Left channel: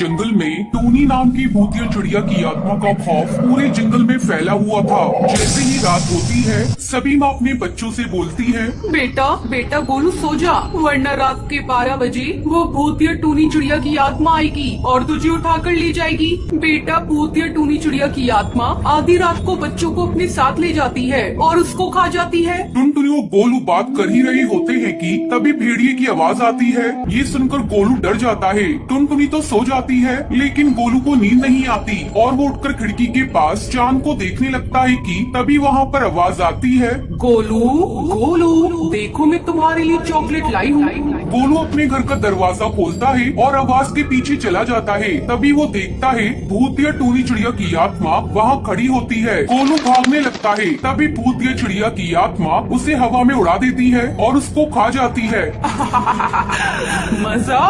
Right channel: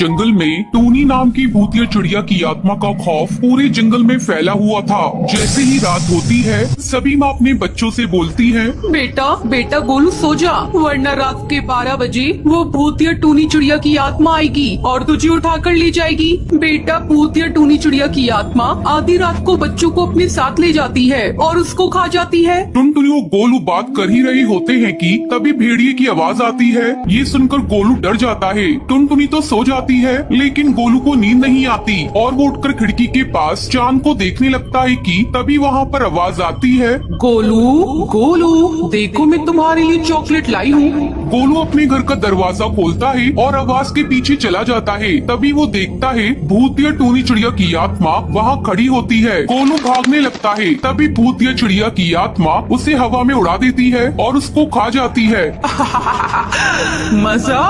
जंगल में टोनी नाम की भूतिया चिड़िया की आत्मा का खौफ पूरे जंगल में फैला हुआ था। जैसे ही रात होती है सभी माँ अपने बच्चों से बोलती हैं, बेटा बेटा गोलू सो जा, वरना रात के 12 बजे वो भूतिया टोनी चिड़िया की आत्मा आएगी और तुझे उठा कर ले जाएगी। बेटा भूतिया टोनी चिड़िया की आत्मा आधी रात को बच्चों को अपने साथ ले जाती है और उसको खा जाती है। टुनटुनी और गोलू बात कर ही रहे होते हैं कि तभी भेड़िए की आवाज आती है। ये सुनकर गोलू डर जाता है। टुनटुनी तो सो जाती है लेकिन गोलू को नींद नहीं आती और वो उठकर खिड़की के पास चांद को देखने लगता है कि तभी वहाँ पर आवाज आती है, गोलू गोलू देखो मैं तुम्हारे लिए चॉकलेट लाई हूँ। गोलू अपने घर का दरवाजा खोलता है और आवाज के पीछे चला जाता है। तभी वो देखता है भूतिया टोनी चिड़िया की आत्मा वहाँ खड़ी होती है। गोलू भागने लगता है। तभी भूतिया चिड़िया की आत्मा उसे हवा में उड़ा देती है और उसको खा जाती है। मजा